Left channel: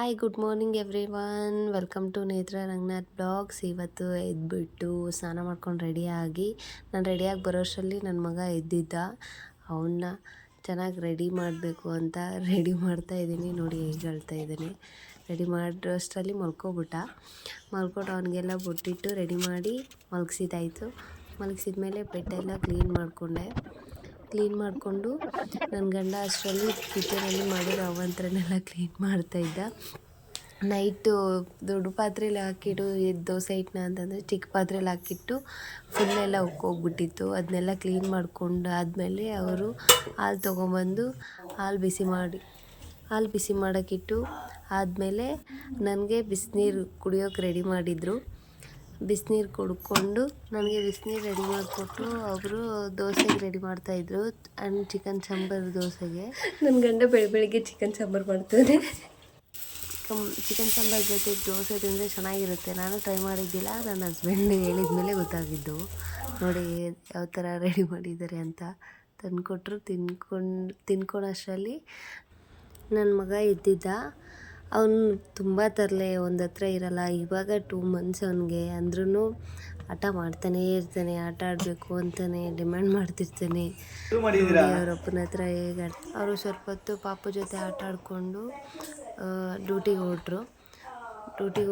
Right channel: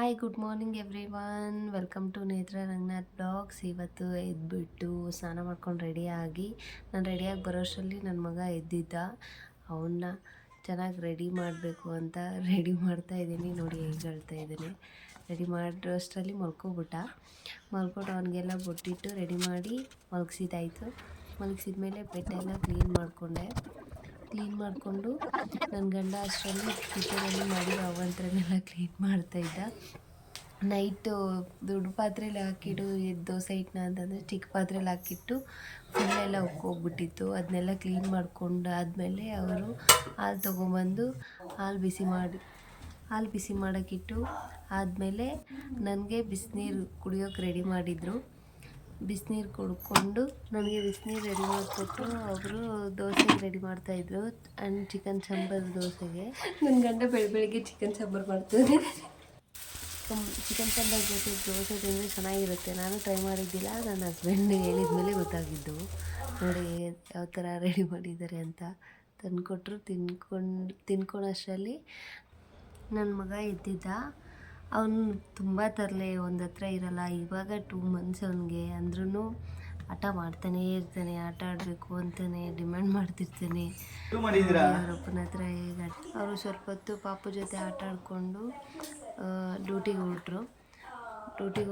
Hi good morning everyone, welcome to Netra Ranganath blogs. ಇವತ್ತು ಎದ್ಬಿಟ್ಟು ಸ್ನಾನ ಮಾಡ್ಕೊಂಡು ರೆಡಿಯಾಗಿ ನಾನು ರೆಡಿಯಾಗಿ ಬರೋಷ್ಟರಲ್ಲಿ ನನ್ನ ಮಗ ಎದ್ದಿದ್ದ. ಅವನ್ನ ಚೆನ್ನಾಗಿ ರೆಡಿ ಮಾಡಬೇಕು ಅಂತ ರೆಡಿ ಮಾಡ್ತಾಯಿದ್ದೀನಿ. ನೋಡಿ ಹೇಗೆ ಹೇಳ್ತಾ ಇದ್ದೀನಿ. ರೆಡಿ ಮಾಡೋಷ್ಟರಲ್ಲಿ ಮಲ್ಕೊಬಿಟ್ಟ. ಮಲ್ಕೊಂಡು ಅವನಿಗೆಲ್ಲ ಬೊಟ್ಟಿಟ್ಟು ರೆಡಿ ಮಾಡಿ ಮಲಗಿಸಿದಾಯಿತು. ಮಲಗಿಸಿದ್ಮೇಲೆ ಬೆಡ್ಡೆಲ್ಲ ಕ್ಲೀನ್ ಮಾಡಿಕೊಂಡು ನನ್ನ ಗಂಡ ಅಷ್ಟರಲ್ಲಿ ಕಿಚನಲ್ಲಿ ಮಾಡಿರೋ ಅವಂತ್ರನೆಲ್ಲ ಕ್ಲೀನ್ ಮಾಡ್ತಾಯಿದ್ದ. ನೈಟು ದೊಡ್ಡ ಪಾತ್ರೆಯಲ್ಲಿ ಹಾಕಿಟ್ಟು ದೋಸೆ ಹಿಟ್ಟನ್ನ ಅಂತಂದರೆ ಚಿಕ್ಕ ಪಾತ್ರೆಯಲ್ಲಿ ಹಾಕಿಟ್ಟು ಫುಲ್ಲೆಲ್ಲ ಉಕ್ಕೋಗ್ಬಿಟ್ಟಿತ್ತು. ಅದನ್ನೆಲ್ಲ ಕ್ಲೀನ್ ಮಾಡ್ಕೊಂಡು ಆದಮೇಲೆ ಅವರು ಹಾಲು ತೊಗೊಂಬಂದು ಹಾಲು ಬಿಸಿ ಮಾಡೋಕ್ಕಿಟ್ಟು ಆದಮೇಲೆ ನನಗೆ ಬಿಸಿನೀರು ಕುಡಿಯೋಕೆ ರೆಡಿ ಮಾಡಿದರು. ಬಿಸಿನೀರು ಕುಡ್ಕೊಂಡು ನನಗೆ ಬಿಸಿನೀರು ರೆಡಿ ಮಾಡಿಕೊಟ್ಟು ಅವರು ದೋಸೆಗೆ ರೆಡಿ ಮಾಡ್ತಾಯಿದ್ರು. ಆ್ಯಂಡ್ ಚಿಕನ್ ಸಾಂಬಾರು ದೋಸೆಗೆ ನನ್ನ ಗಂಡ ಬೆಳಗ್ಗೆ ಚಿಕನ್ ಸಾಂಬಾರು ಮಾಡ್ತಾನೆ. ಚಿಕನ್ ಸಾಂಬಾರು ಜೊತೆ ದೋಸೆ ತಿಂದರೆ ಚೆನ್ನಾಗಿರುತ್ತೆ. ನಾನು ಟ್ರೈ ಮಾಡಿದ್ದಿಲ್ಲ, ನನ್ನ ಹಸ್ಬೆಂಡ್ ಹೇಳಿದ ಮೇಲೆ ಗೊತ್ತಾಗಿದ್ದು. ನೋಡಿ ಯಾವ ಥರ ರೆಡಿ ಮಾಡಿದ್ದಾರೆ ಅಂತ ತಂದುಕೊಟ್ರು. ತಿನ್ಕೊಳೋಷ್ಟರಲ್ಲಿ ನನ್ನ ಮಗ ಎದ್ದಿದ್ದ. ಅವನು ತುಂಬ ತರಲೆ, ಒಂದು ಹತ್ರ ಇರಲ್ಲ. ಇವಾಗ 2 months ಅವನಿಗೆ. ಅಂದ್ರೂ ಆಟ ಮಾಡ್ತಾನೇ ಇರ್ತಾನೆ. ಆಟ ಆಡಬೇಕು ಅಂತಾನೆ ಡಿಮ್ಯಾಂಡ್ ಮಾಡ್ತಿರ್ತಾನೆ. ಅವರಪ್ಪನ ಹತ್ರ ಹೇಗೆ ಅವರು ಸ್ವಲ್ಪ ಹೊತ್ತು ಪಾಪು ಜೊತೆ ಆಟ ಆಡಿಕೊಂಡು ಡ್ಯೂಟಿಗೆ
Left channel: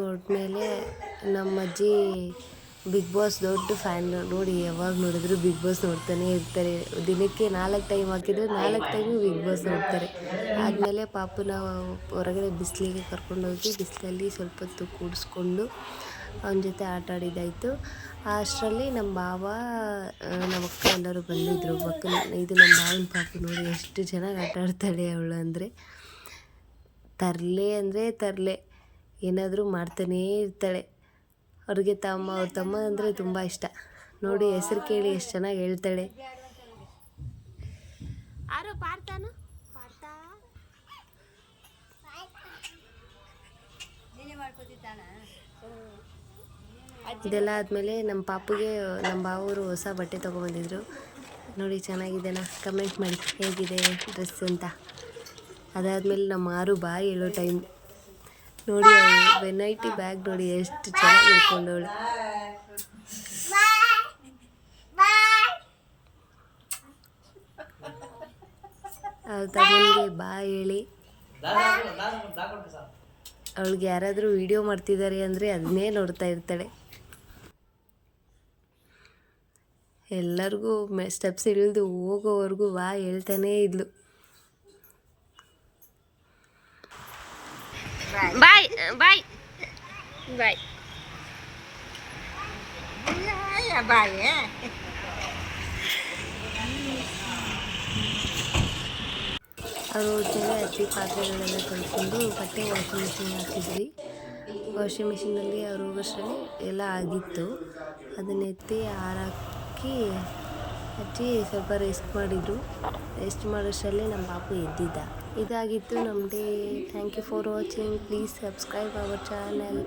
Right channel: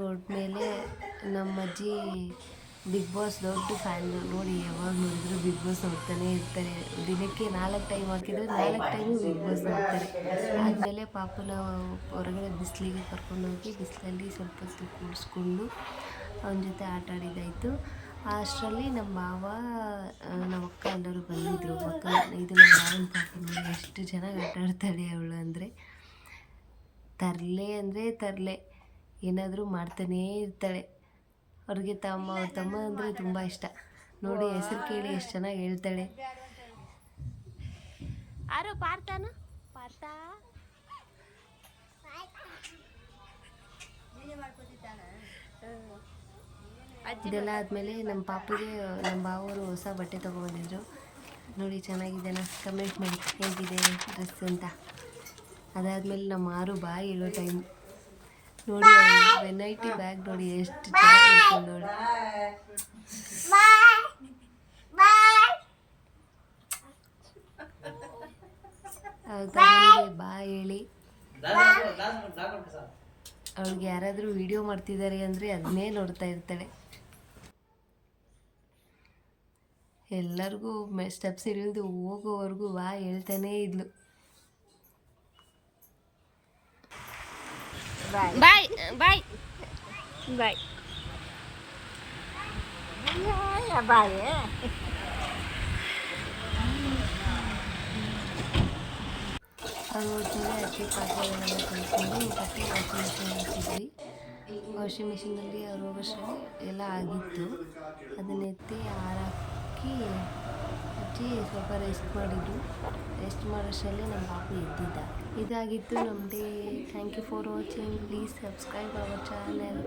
ಹೊರಟ್ಮೇಲೆ ನಮ್ಮ ಅಜ್ಜಿ ಬಿಗ್ ಬಾಸ್ ದೊಡ್ಡ ಫ್ಯಾನ್. ನೋಡಿ ಯಾವಾಗ ನೋಡಿದ್ರು ಬಿಗ್ ಬಾಸ್ ನೋಡ್ತಾನೆ ಇರ್ತಾರೆ. ದಿನಕ್ಕೆ 4 ಟೈಮ್ ಹಾಕಿದ್ರು 4 ಟೈಮು ಬಿಗ್ ಬಾಸ್ ನೋಡ್ತಾರೆ. ಆದಮೇಲೆ ಪಾಪುನ ಹೊರಗಡೆ ಬಿಸಿಲಿಗೆ ಕರ್ಕೊಂಡೋಗಿ ಬಿಸಿಲಲ್ಲಿ ಸ್ವಲ್ಪ ಹೊತ್ತು ಕೂಡಿಸ್ಕೊಂಡು ಅವನ ಜೊತೆ ಆಟ ಆಡಿದ್ದಾಯಿತು. ಅಷ್ಟರಲ್ಲಿ ನಮ್ಮ ಭಾವ ನಮ್ಮ ಅಕ್ಕ ಎಲ್ಲರೂ ಬಂದಿದ್ದರು. ಇದು ನಮ್ಮ ಭಾವನ ಪಾಪು. ನೋಡಿ ಎಷ್ಟು ಚೆನ್ನಾಗಿ ಆಟ ಆಡ್ತಾಳೆ ಅವಳು. ಅಂದರೆ ತರಲೆ ಏನಾದರೂ ಮಾಡ್ತಾನೇ ಇರ್ತಾಳೆ. ಅವ್ರ ತಮ್ಮ ಅಂದರೆ ತುಂಬ ಇಷ್ಟ. ನೋಡಿ ಹೆಸರು ಕೇಳಿ ಎಷ್ಟು ಚೆನ್ನಾಗಿ ಹೇಳ್ತಾಳೆ. ಇದೆಲ್ಲ ಆದಮೇಲೆ ನಮ್ಮ ಪಾಪುಗೆ ನಮ್ಮ ಭಾವರು ಹೊಸ ಬಟ್ಟೆ ತೊಗೊಬಂದಿದ್ರು. ನೋಡಿ ಚೆನ್ನಾಗಿದ್ದಾನ, ಕಮೆಂಟ್ ಮಾಡಿ ಹೇಗಿದೆ ಡ್ರೆಸ್ ಅಂತ. ಅದಾದಮೇಲೆ ನಮ್ಮ ಆರು ಬಾಯಿ ಹೇಳೋ ಟೈಮ್. ನೋಡಿ ವೆನೈಟಿ ಬ್ಯಾಗ್ ನೋಡಿ ಎಷ್ಟು ಚೆನ್ನಾಗಿ ಇಟ್ಕೊಂಡವಳು. ತಗೊಂಡು ಬಾಯ್ ಹೇಳಿ ಅವಳಿಗೆ ಯಾರಾದರೂ ವಿಡಿಯೋ ಮಾಡ್ತಿದ್ದಾರೆ ಅಂದರೆ ಅದನ್ನೇ ನೋಡ್ತಾ ಇರ್ತಾಳೆ. ಎಲ್ಲರಿಗೂ ಸ್ಟೆಪ್ಸ್ ಇಳಿದು ಹೋಗೋವರೆಗೂ ಹೇಳ್ತಾನೇ ಇದ್ಲು. ಬಾಯ್ ಬಾಯ್ ಬಾಯ್ ಬಾಯ್. ಅವರು ಜೊತೆ ಅಕ್ಕಿ ಪಾತ್ರೆಗಳೆಲ್ಲ ತೊಳ್ಕೊಂಡು ಬಟ್ಟೆ ವಾಷಿಂಗ್ ಮಿಷಿನ್ ಹಾಕಿದ್ವಿ. ವಾಷಿಂಗ್ ಮಿಷಿನಲ್ಲಿ ಅವ್ರು ಹೋಗೋಷ್ಟರಲ್ಲಿ ಎಲ್ಲ ಆಗಿತ್ತು. ಅದನ್ನ ಎತ್ತಿ ಹಾರಾಕಿ ಹಚ್ಚಿ ಸ್ವಲ್ಪ ರೆಸ್ಟ್ ಮಾಡಿದರು. ರೆಸ್ಟ್ ಮಾಡೋಷ್ಟರಲ್ಲೇ ನಮ್ಮ ಪಾಪು ಎದ್ದಿದ್ದ. ಇದಾಗಿತ್ತು ನಮ್ಮ day. Thank you for watching. Please subscribe our channel.